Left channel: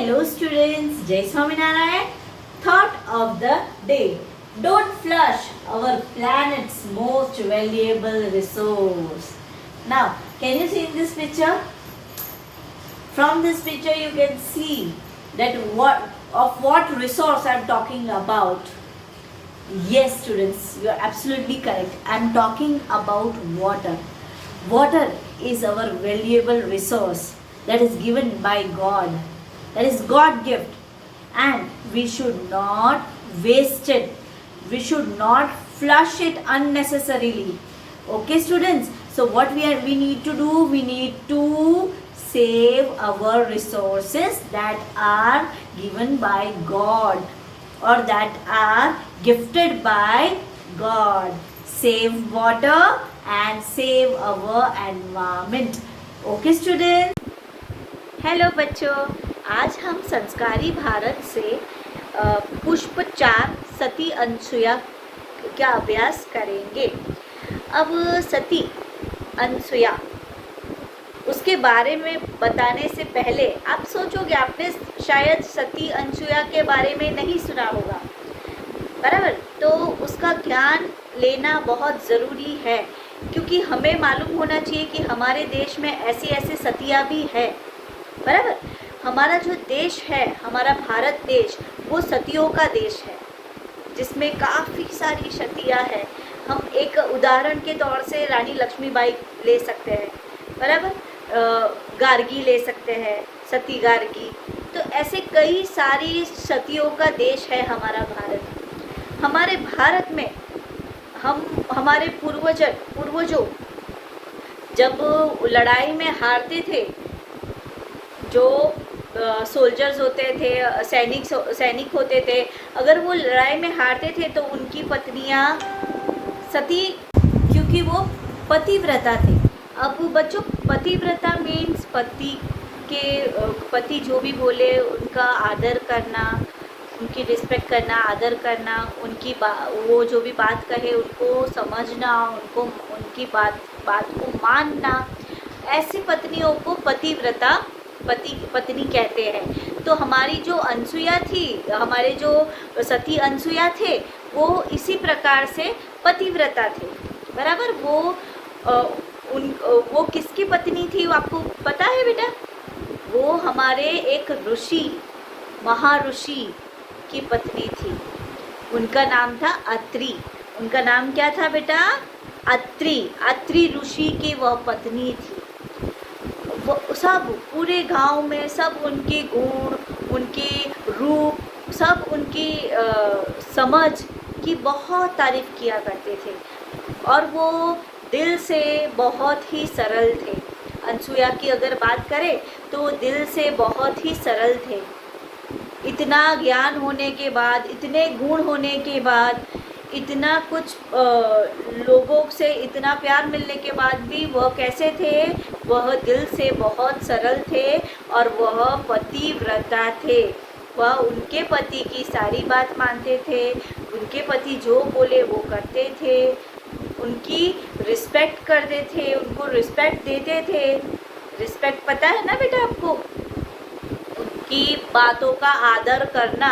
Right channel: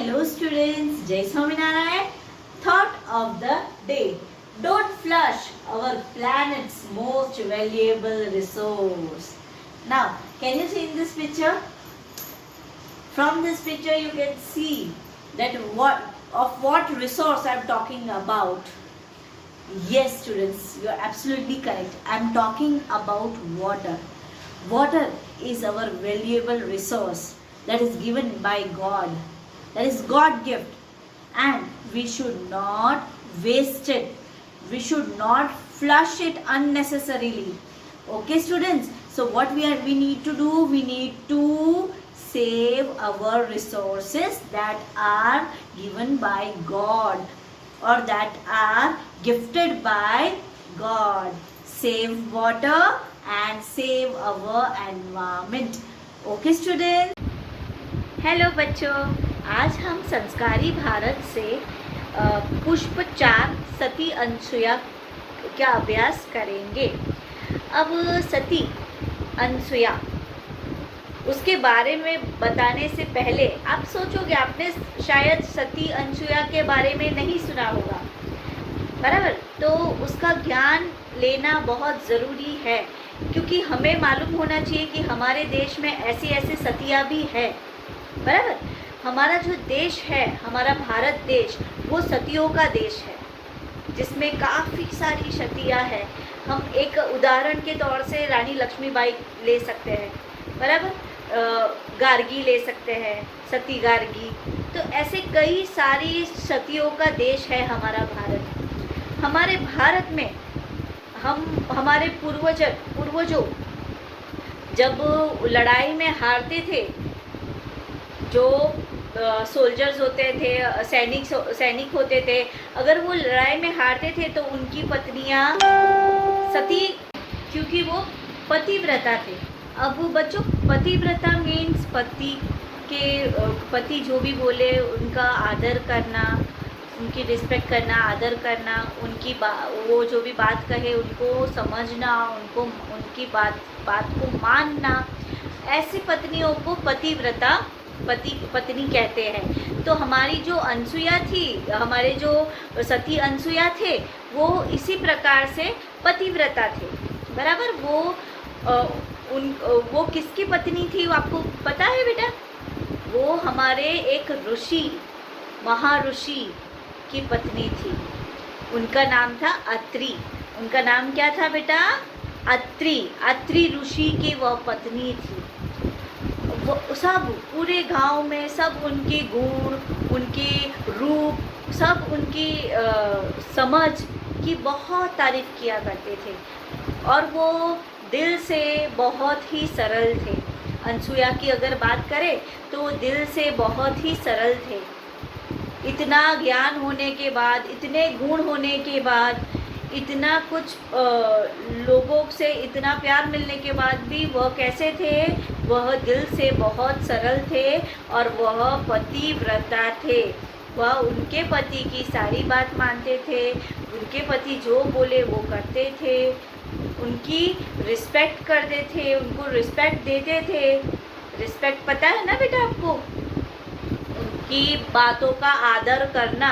Hello students, Jai Swaminarayan. Thought of the day. Don't flush our planet's most valuable resource. Now, can you see in this picture? From this picture you can see that what resource I am talking about. Yes students, you are absolutely correct. I am talking about water. Water is our valuable resource that is given by God. That is God gift, and we should not waste it. We should not flush it unnecessarily. Okay students, so what we need to do, we need to save our resources that are given by God or that are gifted by God. Save water and save our environment. Okay students. Hello बच्चों, आज हम संस्कारी भारत से पुष्प 4 सती अनसुया का अभ्यास करेंगे। अब सती अनसुया उसके बारे में बताने से पहले आप सोचोगे, आपने शायद सती अनसुया के बारे में नहीं सुना होगा, बराबर? तो उसका ज्ञान लेना बहुत ज़रूरी है, क्योंकि हमें मालूम होना चाहिए कि हमारे देश में ऐसी ऐसी सतियाँ भी है, बराबर? हमारा जो देश है, हमारा भारत देश, वो सतियों का देश है, जिसमें काफ़ी सारी सतियाँ हैं। हम एक उदाहरण के तौर से रानी लक्ष्मीबाई ले सकते हैं, बराबर? गार्गी ले सकते हैं, सती गार्गी। तो ऐसे कई सारी सतियों का देश है हमारा भारत। हमारे भारत में हमारे पूर्वजों जब लड़ाई में हारते थे, जो सोल्जर्स होते थे, सैनिक होते थे, अगर वो लड़ाई में हारते थे तो उनकी पत्नियां सती, क्योंकि वो पतिव्रता थे। अब बच्चों, पतिव्रता मीन्स पति जो भी बोले उनका आदर करना, उनकी रिस्पेक्ट करना, आदर करना, वो जो भी बात कहे उनको समझना, उनकी बात को मानना। ऐसी पत्नियों को पतिव्रता पत्नी कहते हैं। तो हमारी जो अनसुया थी, हमारे जो सती अनसुया थे, वो इसी प्रकार से पतिव्रता थे, बराबर? वो किसकी पत्नी थी, वो आपको पता है बेटा? वो हमारे एक ऋषि, महाऋषि की पत्नी थी। उनका नाम था अत्रि। उनका नाम क्या था बेटा? अत्रि ऋषि की वह पत्नी थी। वो सब पूरे गांव में सब उनके गुण, उनके रूप, सब उनकी समझ की बहुत तारीफ किया करते थे, और वो दिल से बहुत ही सरल थे। अनसुया की अगर बात करें तो दिल से बहुत ही सरल थे। इतना ज्ञान होने के बाद, इतने गुण होने के बाद, इतना कुछ लोगों से इतना प्यार मिलने के बाद भी वह कैसे थे? वह दिल से बहुत सरल थे और वह पतिव्रता थे। वह उनके पति की सारी बात मानते थे, उनके पति जो बोले वो करते थे, उनकी रिस्पेक्ट करते थे, उनको रिस्पेक्ट देते थे। रिस्पेक्ट पता है ना बेटा आपको? उनकी बातों का आदर करना।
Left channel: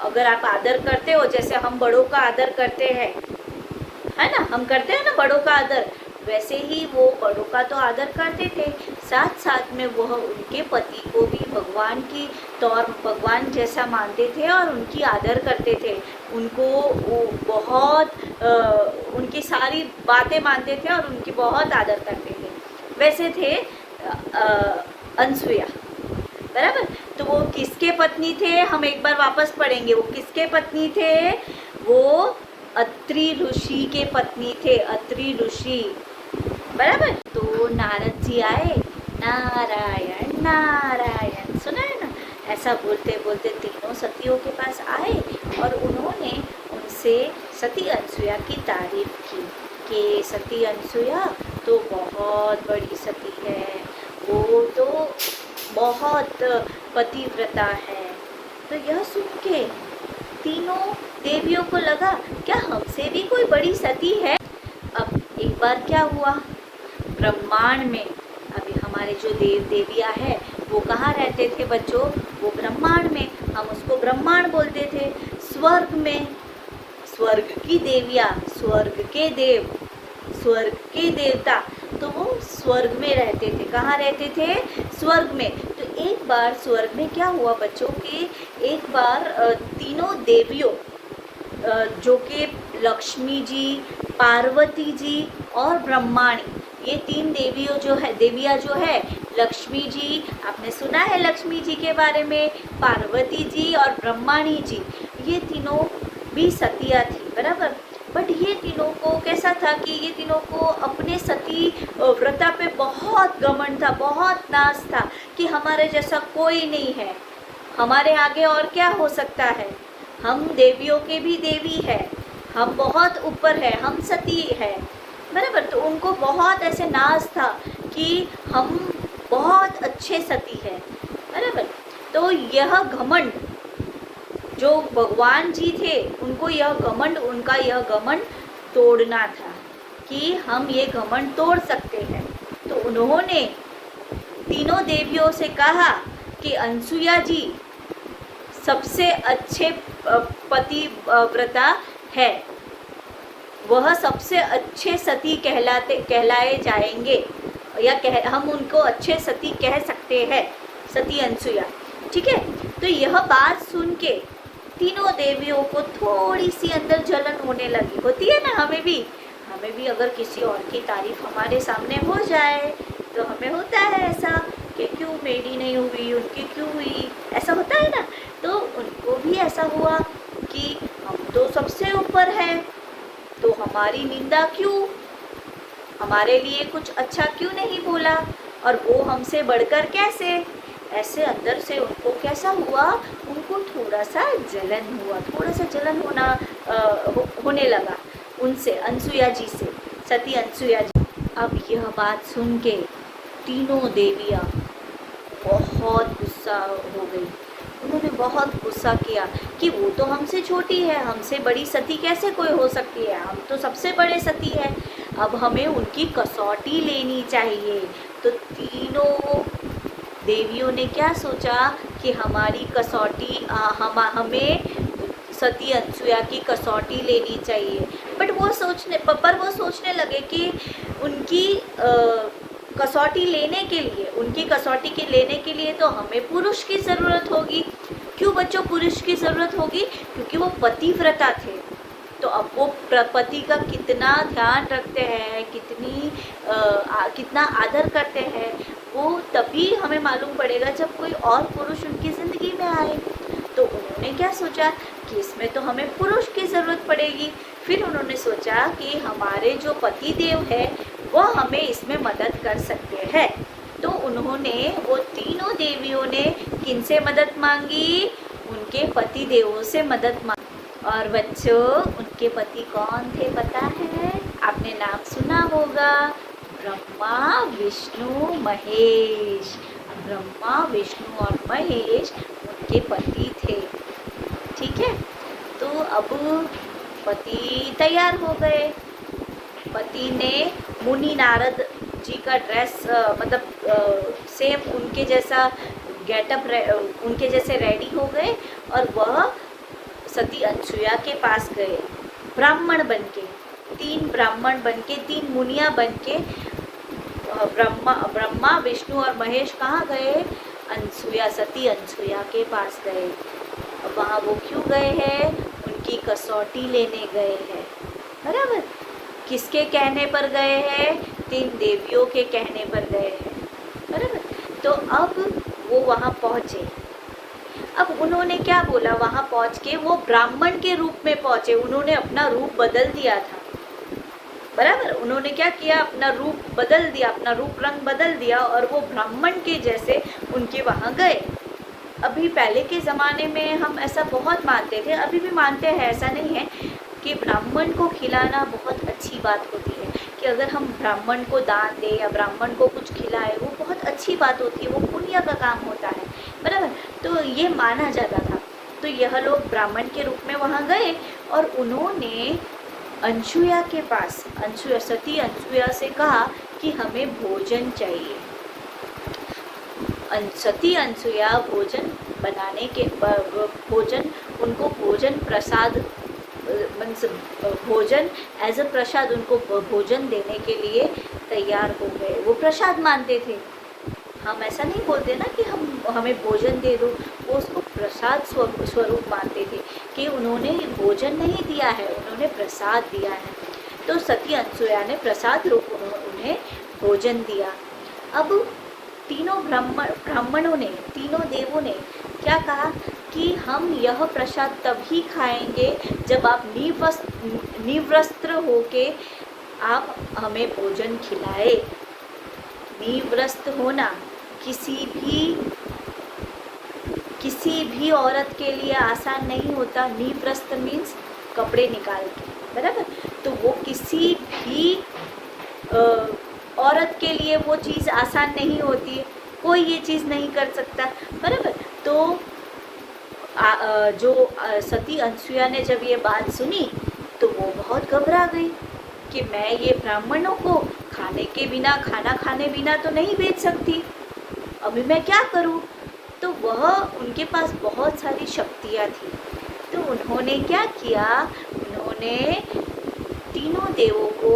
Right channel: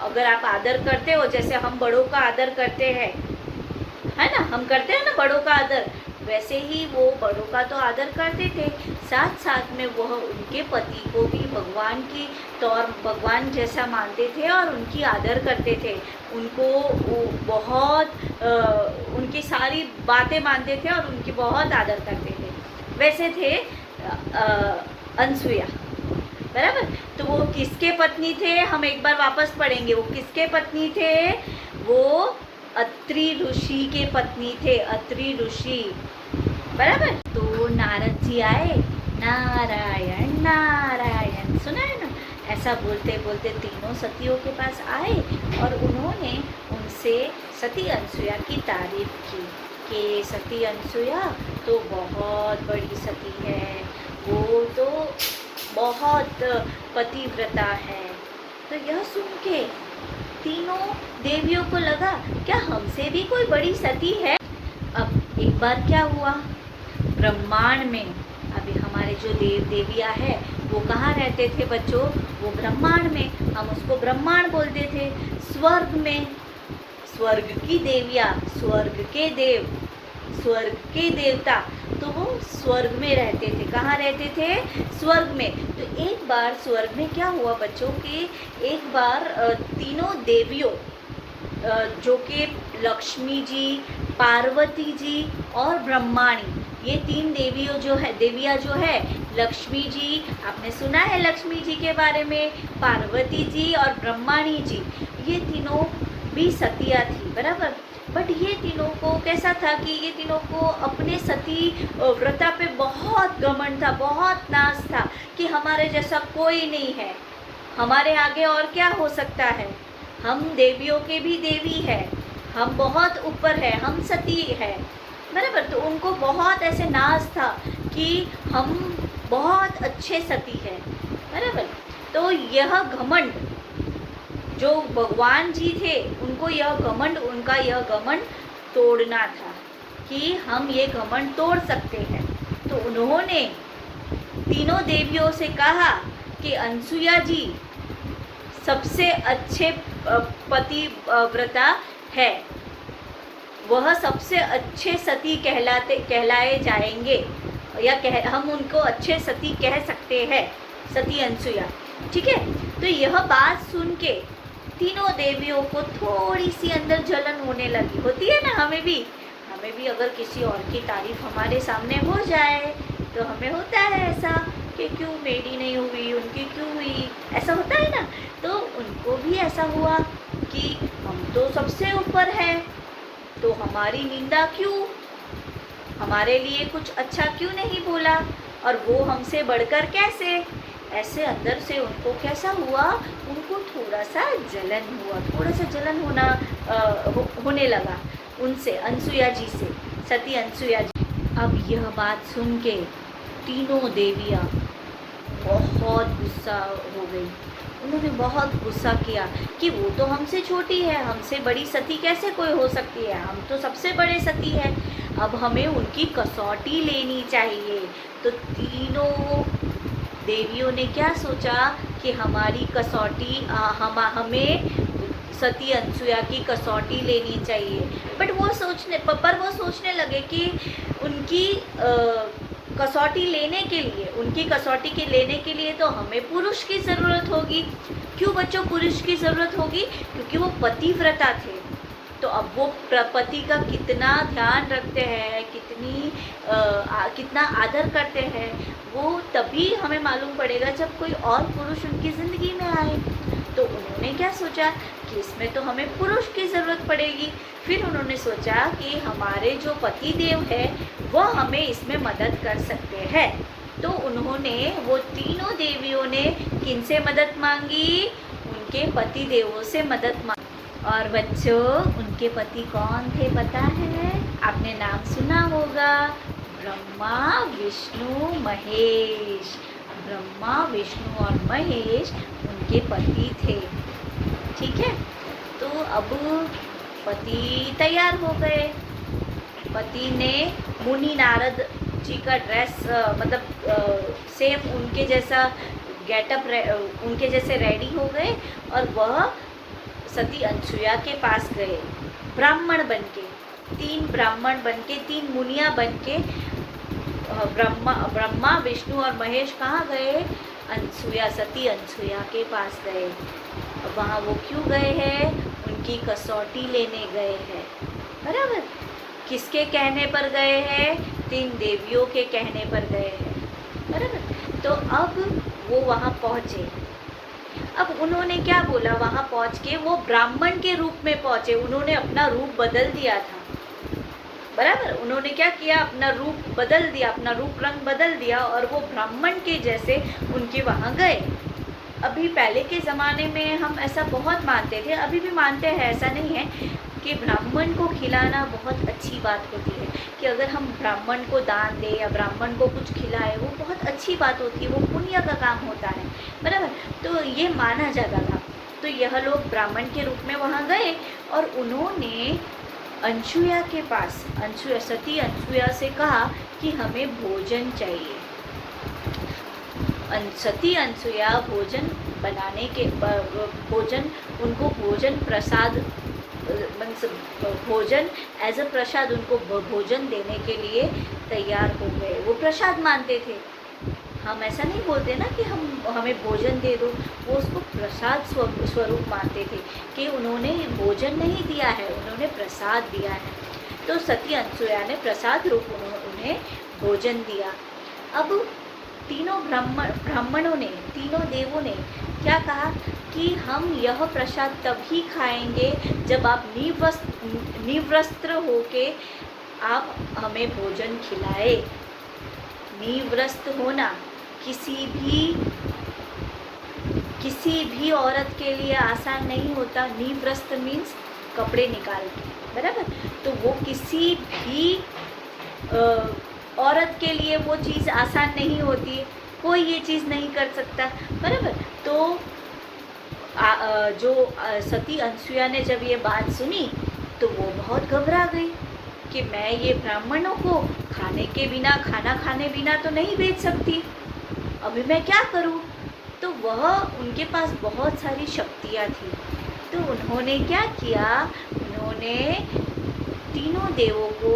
अगर आप आदर करते हो, जैसे हम बड़ों का आदर करते हैं, है ना? हम करते हैं ना बड़ों का आदर, वैसे ही वो बड़ों का तो आदर करते थे। साथ साथ में वह उनके पति को भी भगवान जैसा मानते थे और उनकी आदर करते थे। उनको बहुत उनकी सारी बातें मानते थे और उनकी बहुत आदर करते थे। वैसे थे अनसुया, बराबर? तो वो किसके पत्नी थे? हम एक बार वापस पढ़ेंगे। वो किसके पत्नी थे? वो अत्रि ऋषि के पत्नी थे। अत्रि ऋषि, बराबर? तो नारद जी आए, नारायण नारायण, सुना है ना? ऐसा बोलते बोलते तीनों सतियों के पास आए और उन्होंने उनसे सती अनसुया की तारीफ की कि सती अनसुया तो बहुत बड़ी सती है, वो तो बहुत पतिव्रता है। तो यह सुन के तीनों देवियों को लगा, क्या हमसे भी कोई बड़ी सती है? अब एक बार क्या हुआ, ब्रह्मांड में अभी हमारे जो देव देवियाँ हैं वो कहाँ रहते थे बच्चों? वो ब्रह्मांड में, हम उसको ब्रह्मांड बोलते थे। स्वर्ग में, स्वर्ग की देवियाँ, स्वर्ग के देव, स्वर्ग के देवता, तो वो स्वर्ग में रहते थे। कहाँ रहते थे? स्वर्ग में। तो एक बार स्वर्ग में क्या हुआ बच्चों कि एक बार तीनों देवियों जो कि लक्ष्मी जी, पार्वती जी और ब्रह्माणी, ये तीन देवियाँ जो है, लक्ष्मी जी, आपने सुना है लक्ष्मी जी के बारे में, पार्वती जी और ब्रह्माणी जी, ये तीनों भी सतिया थी, बराबर। बट ये तीनों को कैसा था कि ये तीनों को अपने सती व्रता पे बहुत घमंड था, बहुत नाज था कि हमारे जैसा कोई नहीं है, हमारे आगे और क्या हो सकता है, हम देवियों के भी देवी है, हम बहुत ऊपर है, हम सती है, बराबर। तो उनको बहुत ऐसे नाज था कि हम बहुत अच्छे सती हैं, बराबर। तो यह घमंड जो भगवान जी थे, उनको यह घमंड, उनका यह घमंड तोड़ना था कि हम ये घमंड तोड़ सकते हैं। तो उन्होंने तीनों देवियों से कहा कि अनसुया जी सबसे अच्छे पतिव्रता है, वह सबसे अच्छे सती कहलाए जाएंगे, या हम उनको अच्छे सती कह सकते हैं, सती अनसुया, ठीक है। तो यह बात सुन के तीनों देवियों को थोड़ी सी अंदर जलन होने लगी, होती है ना, हमें भी अगर किसी और की तारीफ हमारे सामने हो जाए तो हमें होता है ऐसा कि क्यों मेरी नहीं हुई, उनकी क्यों हुई, ऐसा होता है ना। तो उनको भी ऐसा हुआ कि हम तो सबसे ऊपर है, तो हमारी निंदा क्यों, हमारे लिए कुछ अच्छा क्यों नहीं बोला, और वो हमसे बढ़कर कैसे, ऐसे अंदर से उनको कैसा हुआ, उनको थोड़ा सा जलन हुआ, थोड़ा सा जलन होने लगा उनसे, अनसुया जी से, सती अनसुया जी। अब यह बात सुन के तीनों देवियाँ बहुत गुस्सा हो गई, उन्होंने बहुत गुस्सा किया कि वो तो हमसे छोटी है, हमसे बड़ी सती कैसे कोई हो सकती है, हम तो सबसे बड़े सती है, अब हमें उनकी कसौटी लेनी चाहिए। तो तीनों देवियों ने क्या सोचा कि हमारी कसौटी, हमें सती अनसुया की कसौटी लेनी चाहिए। बट वो सोचने लगे कि उनकी कसौटी लेने के लिए तो हमें पुरुष की ज़रूरत होगी। क्यों बच्चों पुरुष की ज़रूरत होगी? क्योंकि वो पतिव्रता थे, तो अब वो पति का कितना ध्यान रखते हैं, कितना आदर करते हैं, वो तभी हमें मालूम पड़ेगा जब कोई और पुरुष उनकी ज़िंदगी में आए। तो उन्होंने क्या सोचा कि इसमें तो हमें पुरुष की ज़रूरत पड़ेगी। फिर उन्होंने सोचा कि हमारे जो पति देव है वो हमें इसमें मदद कर सकते हैं। तो उन्होंने, वो तीनों देवियों ने किनसे मदद मांगी? उनके पति देवों से मदद मांगी। और बच्चों उनके पति कौन थे पता है? आपने नाम सुना होगा, ब्रह्मा विष्णु महेश। ब्रह्मा विष्णु और महेश उनके पति थे, ठीक है। तो अब पति तैयार हो गए, पति ने मुनि नारद जी का ड्रेस, सेम उनके जैसा गेटअप, उनके जैसे रेडी हो गए और वह सती अनसुया के पास गए, ब्राह्मण बनके, 3 ब्राह्मण बनके, 3 मुनिया बनके। ब्रह्मा विष्णु और महेश कहाँ गए? अनसुया, सती अनसुया के पास गए। अब वहाँ वो क्यों गए हैं? उनकी कसौटी लेने गए हैं, बराबर। किसके कहने पर गए हैं? 3 देवियों के कहने पर गए हैं, बराबर। तो अब वो वहाँ पहुँचे। अब उन्होंने क्या बोला? वहाँ पहुँच के वो ब्राह्मण के रूप में पहुँचे, उन्होंने अपना रूप बदल दिया था, बराबर। उन्होंने क्या किया? अपना रूप बदल दिया, अपना रूप रंग बदल दिया और वो ब्राह्मण के जैसे उनके वहाँ गए। अभी पहले के ज़माने में हम ऐसा बहुत मानते थे, अभी भी मानते हैं, ऐसा नहीं है, कि ब्राह्मण को खिलाना बहुत अच्छी बात होती है, कि अगर हम ब्राह्मण को दान दें या ब्राह्मण को कुछ खिलाए वो बहुत अच्छी बात होती है, वो पुण्य का काम होता है, बराबर। तो ये माना जाता था। तो यह लोग ब्राह्मण के रूप में वहाँ गए और उन्होंने अनसुया के पास, सती अनसुया से कहा कि हमें भोजन चाहिए। सती अनसुया भोजन बनाने के भोजन उनको भोजन प्रसाद मीन्स भोजन एज अ प्रसाद उनको भोजन देने के लिए तैयार हो गए। वो प्रसाद मानते थे। हम ऐसा नहीं बोलते ना कि हमें भोजन दे दो, वो उसको प्रसाद स्वरूप मानते थे कि उन्होंने भोजन नहीं दिया है, उन्होंने प्रसाद दिया है। तो सती अनसुया ने प्रसाद रूप उन्हें भोजन दिया। अब तीनों ब्राह्मणों ने, तीनों देवों ने क्या कहा कि हम यह प्रसाद तभी खाएंगे जब आप निवस्त्र होके आप हमें भोजन खिलाए। निवस्त्र होना किसी भी औरत के लिए आसान नहीं होता। निवस्त्र मीन्स कपड़े निकाल के, बराबर। तो वो किसी भी औरत के लिए वो चीज़ आसान नहीं होती है, कोई ये चीज़ नहीं कर सकता, बराबर। तो जो सती अनसुया ने जब ये बात सुनी तो वो बहुत घबरा गई कि मैं ये ब्राह्मणों को खाना खाने बिना तो नहीं भेज सकती, अभी मैं क्या करूं। तो वह उनके पास बहुत सारी शक्तियाँ थी। तो उन्होंने क्या किया, उन्होंने तीनों देवों को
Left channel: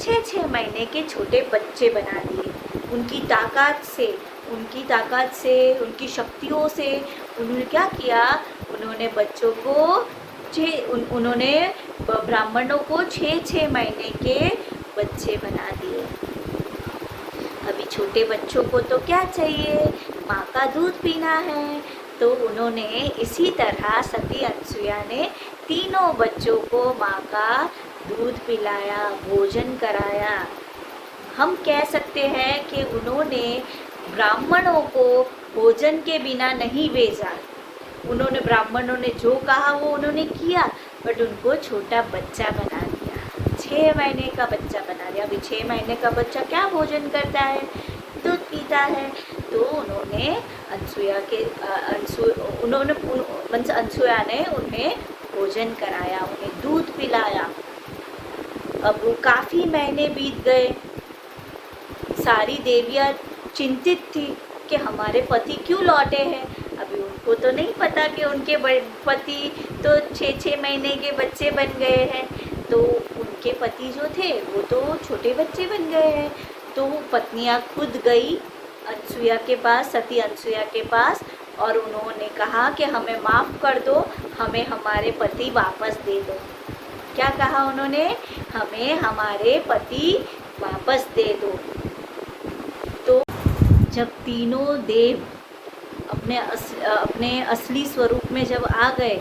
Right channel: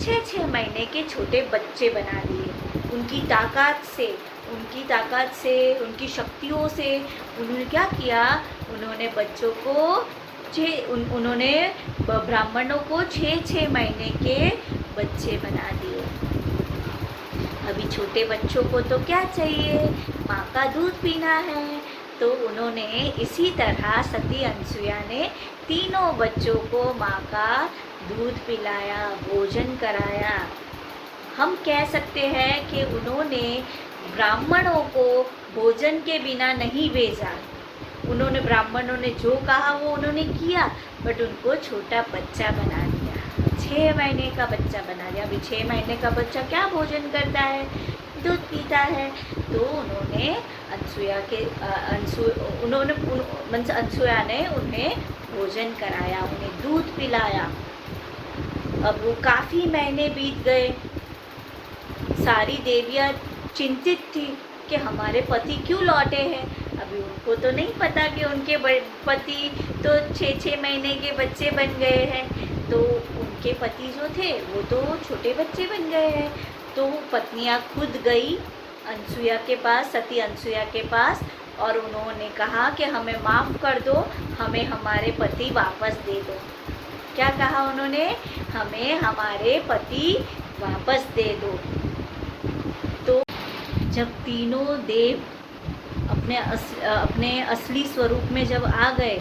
6-6 महीने के छोटे बच्चे बना दिए। उनकी ताकत से उनकी शक्तियों से उन्होंने क्या किया, उन्होंने बच्चों को उन्होंने ब्राह्मणों को 6-6 महीने के बच्चे बना दिए। अभी छोटे बच्चों को तो क्या चाहिए, माँ का दूध पीना है। तो उन्होंने इसी तरह सती अनसुया ने तीनों बच्चों को माँ का दूध पिलाया, भोजन कराया। हम कह सकते हैं कि उन्होंने ब्राह्मणों को भोजन के बिना नहीं भेजा। उन्होंने ब्राह्मणों ने जो कहा वो उन्होंने किया, बट उनको छोटा बच्चा बना दिया, 6 महीने का बच्चा बना दिया। अभी 6 महीने का बच्चा क्या भोजन करता है, दूध पीता है। तो उन्होंने अनसुया ने उन्हें भोजन कराया, उन्हें दूध पिलाया। अब वो काफ़ी महीने बीत गए। सारी देवियाँ चिंतित थी कि हमारे पति क्यों लौटे हैं। अभी उनको तो नहीं पता कि उनके पति तो 6-6 महीने के बच्चे बन गए हैं। तो उनके पति जो थे वो तो छोटे बच्चे बन गए हैं। तो पत्नियां खुद गई अनसुया के पास, सती अनसुया के पास, और उन्होंने कहा कि हमें माफ़ कर दो, हमें हमारे पति वापस दे दो। क्या कहा उन्होंने, हमें हमारे पति वापस दे दो। तो जब तीनों देव अपने असली स्वरूप में जब आ गए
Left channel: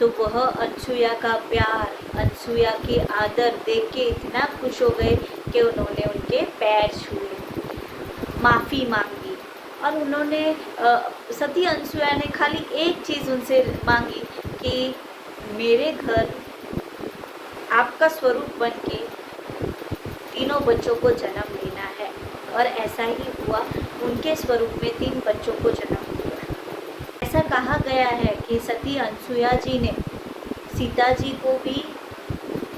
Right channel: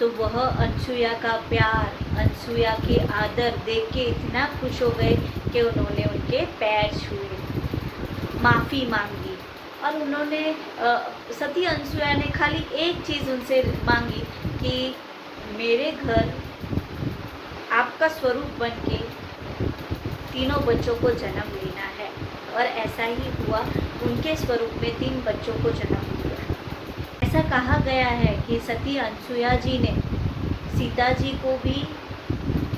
तो वह अनसुया का प्यार, अनसुया के आदर देख के इतना खुश हो गए कि उन्होंने उनके पैर छुए, माफ़ी मांगी। और उन्होंने सती अनसुया ने खाली एक चीज़ उनसे मांगी कि मेरे घर आपका स्वरूप बन के तीनों बच्चों को जन्म लेना है। और ऐसा ही हुआ, उनके स्वरूप में 3 बच्चों को जन्म दिया। ऐसा कहा गया है कि सती अनसुया जी ने सीता जी को भी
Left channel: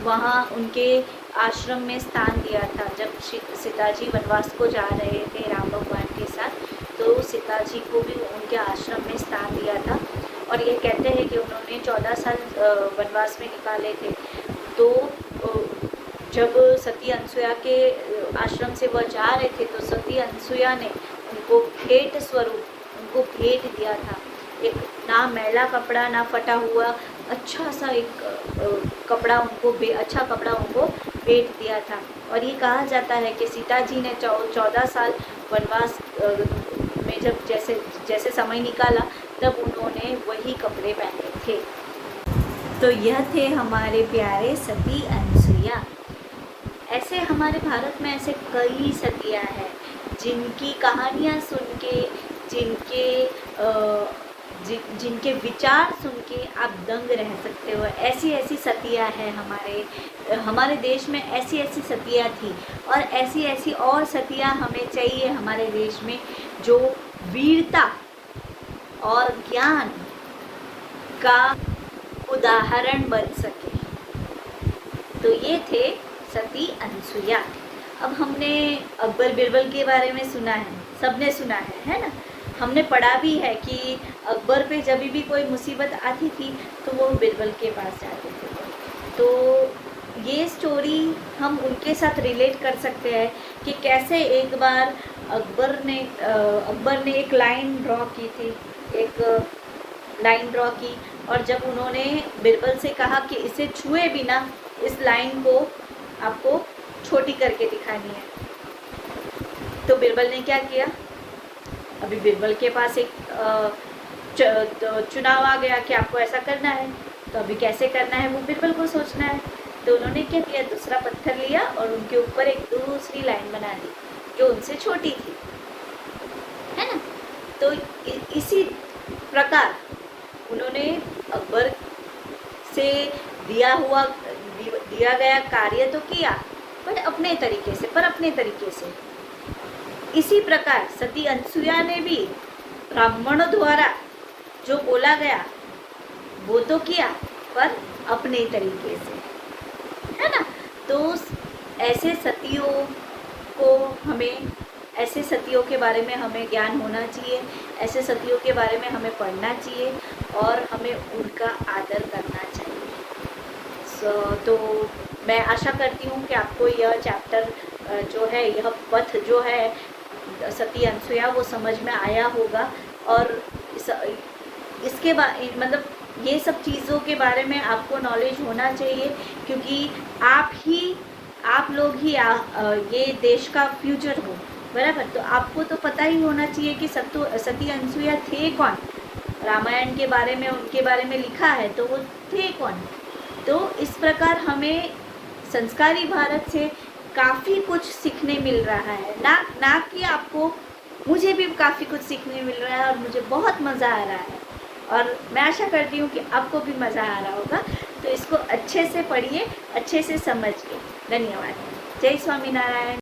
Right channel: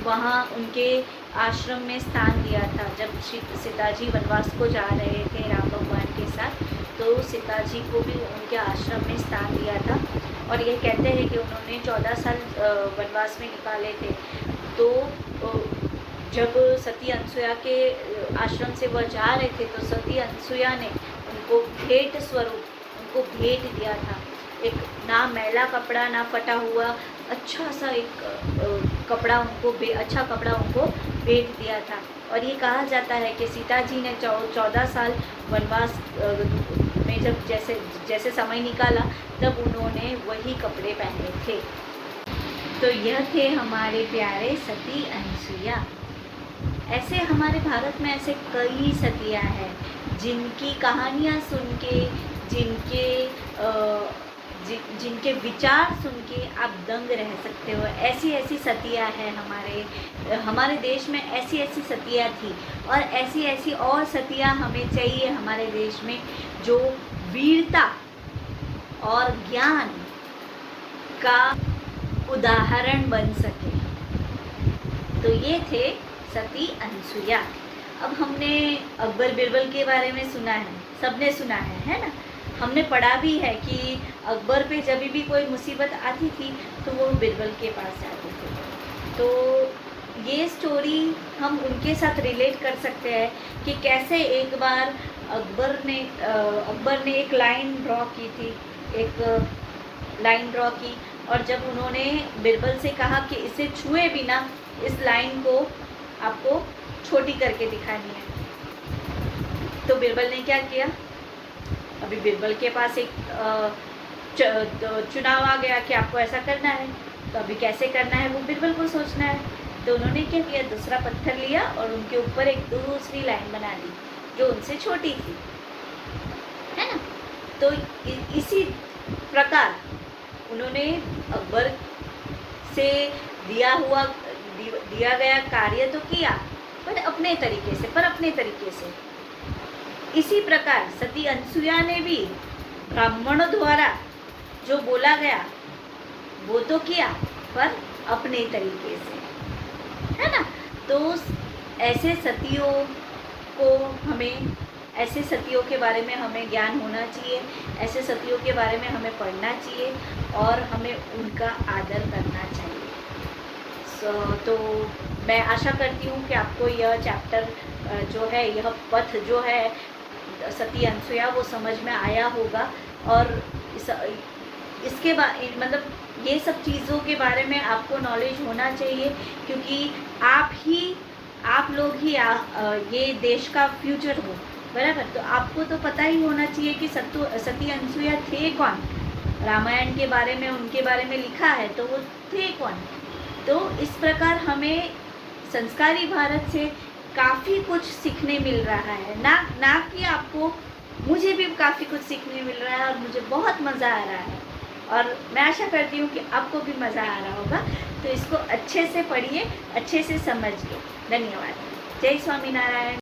वहाँ उनके आश्रम में स्थान दिया था। जब सीता जी वनवास को जा रहे थे राम भगवान के साथ, तो सीता जी को भी उनके आश्रम में स्थान दिया था। और ये कहते हैं कि उन्होंने 14 साल वनवास में निकाले थे। तो जब सती अनसुया के आश्रम से वह जा रहे थे तो सती अनसुया ने उनको भेंट स्वरूप उनको भेंट दिया था। एक ना मैला कपड़ा ना फटा हुआ अच्छा सा एक अच्छा कपड़ा उनको भेंट दिया था। और ये कहा जाता है कि सीता जी ने 14 साल वनवास में जब जैसे समय निकाला तब उन्होंने वही कपड़े पहने थे। तो यह थे हमारे प्यारे सती अनसुया। ऐसे हमारे भारत में ऐसे कई सतियाँ हैं जिनकी कहानियाँ सुन के, जिनके विचार सुन के आप दंग रह सकते हो। ऐसी ऐसी सतियाँ हैं हमारे देश में, ऐसी ऐसी सतियाँ थी। और ऐसी ऐसी और सतियाँ हमें चाहिए हमारे देश में जो वीरता और ज्ञान का उदाहरण बन सके। तो ये थे सती अनसुया। अब हमने अकबर बिरबल के बारे में सुना है, सबने सुना है ना। हमने पढ़ा भी है कि अकबर पे जब भी कोई मुसीबत आती थी तो वो बिरबल के पास जाते थे। तो ये स्टोरी हम उनके साथ रिलेट कर सकते हैं कि कैसे एक बार अकबर ने एक लाइन ड्रॉ की थी, एक लाइन ड्रॉ की, और जब उन्होंने बिरबल से कहा कि इसे छुए बिना इस लाइन को आपको छोटी करके दिखानी है, तो बिरबल ने क्या किया? अभी बिरबल के पास एक चुनाव आ गया कि आपको ऐसा करना है, तो अभी कैसे करना है वो बिरबल को सोचना है। तो उन्होंने क्या किया? दूसरा पत्थर लिया और उनके ऊपर एक दूसरी लाइन बना दी जो उनसे छोटी थी, है ना। तो इसी प्रकार उन्होंने अकबर से दिया गया कार्य तो किया, पर अपने तरीके से। इसी प्रकार सती अनसुया ने भी ब्राह्मणों द्वारा जो बोला गया वो तो किया, पर अपने तरीके से, है ना। तो ऐसे सतियों के बारे में हमें ज्ञान होना चाहिए, ऐसे सतियों के बारे में हमें पढ़ना चाहिए और हमें उनका आदर करना चाहिए। तो मैं आशा करती हूँ कि आपको यह चैप्टर जो है, यह पथ जो है सती अनसुया, वो समझ में आया होगा। और इसके मतलब ये सब चीज़ों के बारे में आपको नॉलेज होना चाहिए, क्योंकि आप लोग ही ये देश का फ्यूचर हो, बराबर। तो आपको तो पता ही होना चाहिए कि सती अनसुया थे कौन। रामायण के बारे में, उनके बारे में लिखा है, तो वो थे कौन। तो इस प्रकार हमें संस्कारी भारत से काफ़ी कुछ सीखने मिल रहा है, ना कि आपको, मुझे भी काफ़ी कुछ सीखने मिल रहा है और मुझे बहुत मज़ा आ रहा है, और मैं आशा करती हूँ कि आपको भी मज़ा आ रहा होगा। तो इसको अच्छे से पढ़िए, अच्छे से समझिए। धन्यवाद। जय स्वामीनारायण।